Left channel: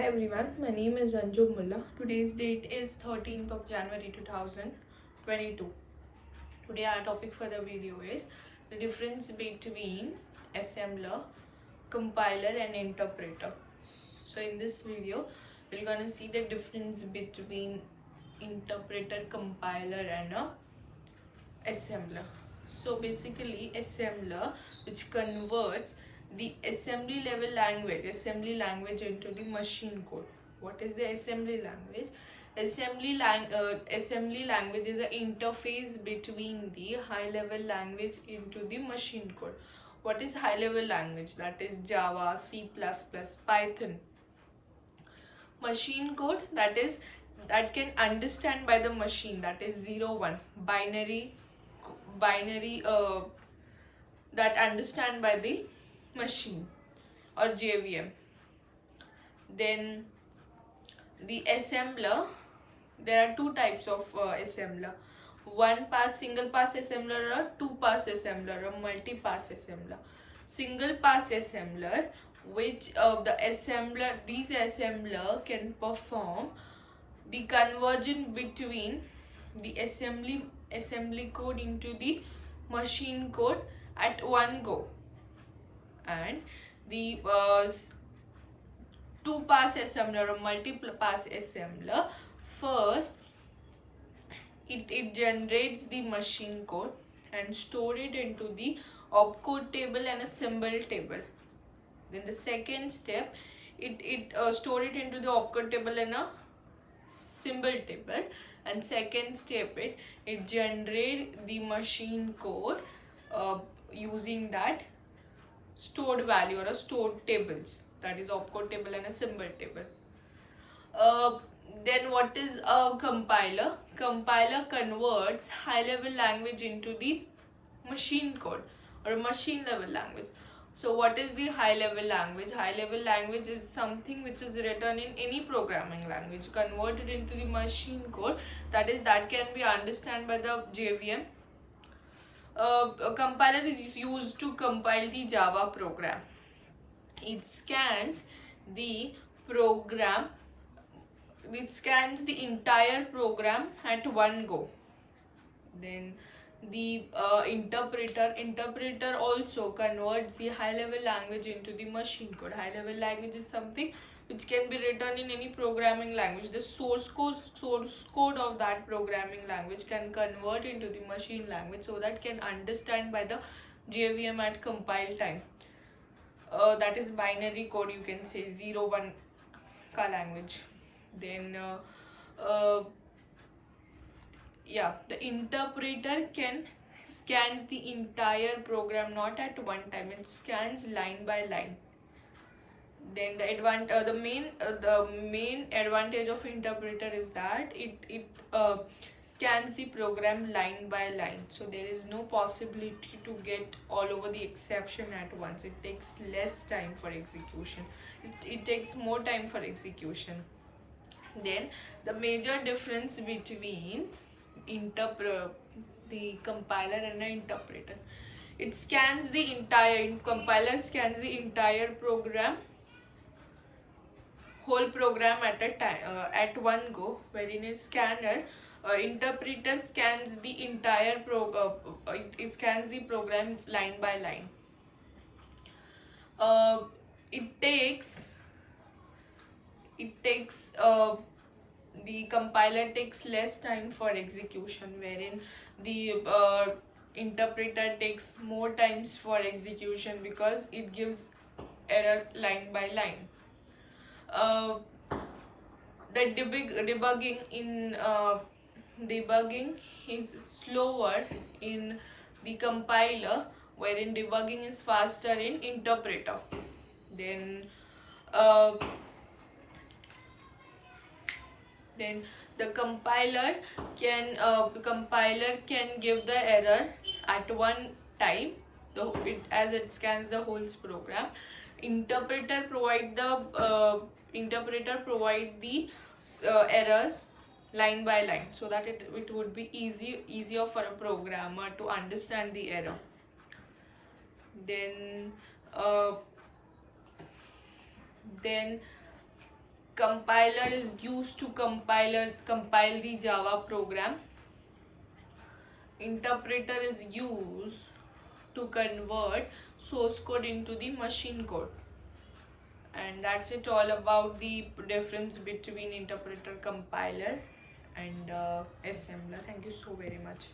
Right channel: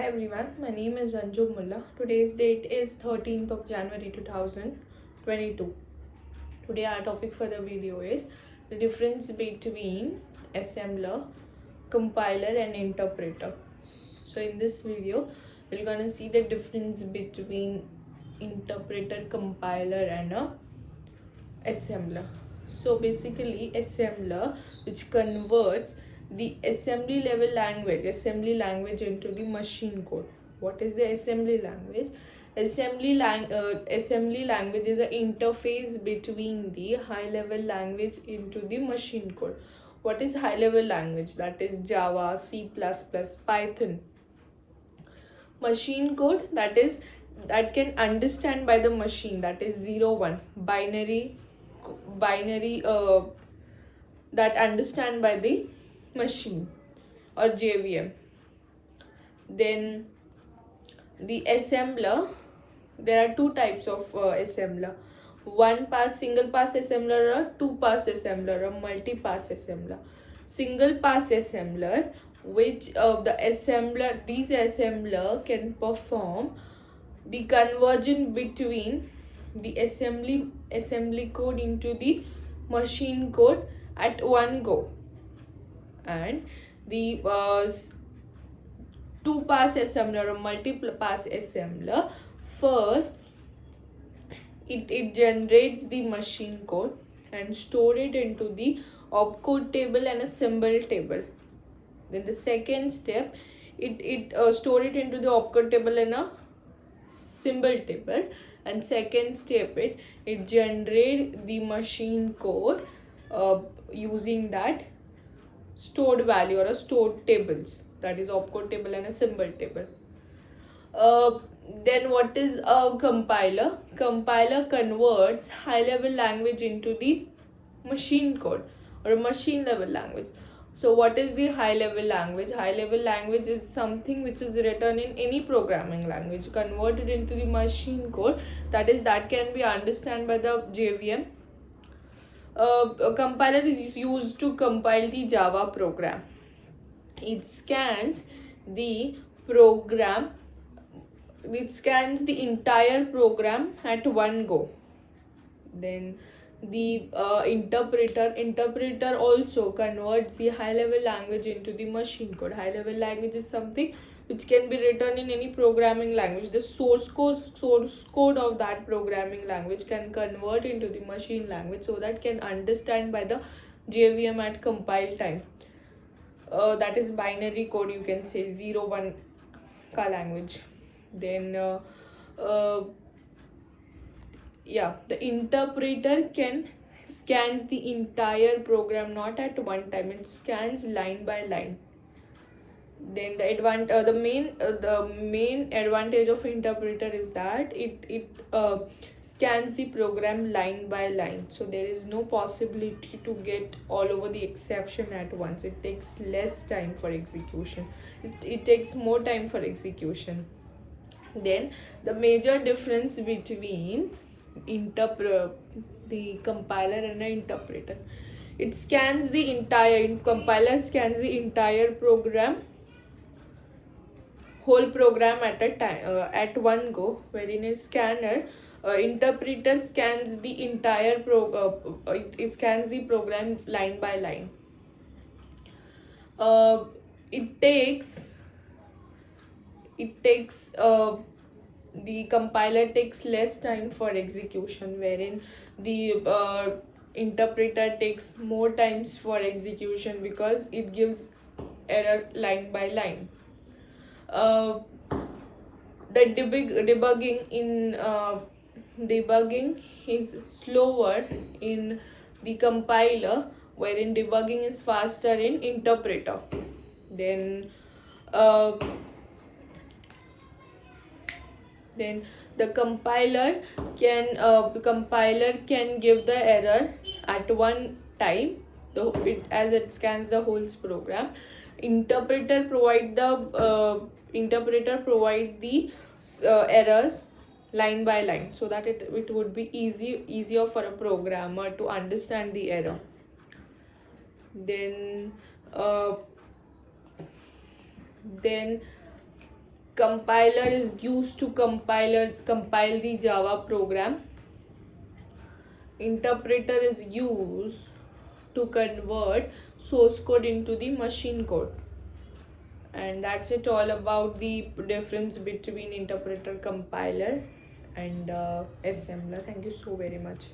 Hi everyone, my name is Anju Mullah. Today's date is 13th of January 2022. Today our topic for the video is the difference between assembler, compiler and interpreter. So in this video, we're gonna see the difference between interpreter, compiler and a assembler. So basically assembler which converts the assembly language into the machine code. What is the assembly language? Assembly language is an interface between the high level language into the machine code. What is high level language? That is Java, C++, Python. Machine code, that can understand by the machine, that is 0 1 binary that understand by the machine or JVM. Then the assembler, there are two types of assembler: one pass single pass assembler, or two pass assembler, or multi pass assembler. Single pass assembler, which these assembler can perform the conversion between the assembly code into the machine code at one go. And the two pass assembler or multiple pass assembler, first it generates the machine code and store it into the opcode table and a symbol table. Then the second step, it store it into the opcode table and a symbol table, and second step it generate the machine code using that stored value or a stored tables, that is opcode table and a symbol table. Then what is a compiler? Compiler converts high level language into the machine code or a machine level language. So what is the high level language? High level language is something which is written in any programming language, converted into the machine code, that can be understood by the JVM. A compiler is used to compile the Java program. It scans the entire program at one go. Then the interpreter also converts the high level language into the machine code. High level language is something which can be written in any programming language. The source code of that programming language can convert into the machine language, so that can understand by the JVM at compile time. That is binary code, you can say 0 1 ka language. Then the interpreter can scans the entire program, not at one time, it scans line by line. Then the main advantage of interpreter is that it scans the program line by line, so there is no possibility to get all over the exception at once. It takes less time for execution, it takes more time for execution. Then the major difference between the compiler and the interpreter, compiler scans the entire whole program at a time, at one go, wherein a scanner interpreter scans the entire it scans the program line by line. The compiler takes less time for execution, wherein the interpreter takes more times for execution because it gives error line by line. The debugging is slower in the compiler, wherein debugging is faster in interpreter. Then the compiler can give the error at one time, so as it scans the whole program. Interpreter provide the errors line by line, so that it would be easier for a programmer to understand the error. Then Compiler is used to compile the Java program. Interpreter is used to convert source code into the machine code. And that's it all about the difference between interpreter, compiler and assembler. Thank you so very much.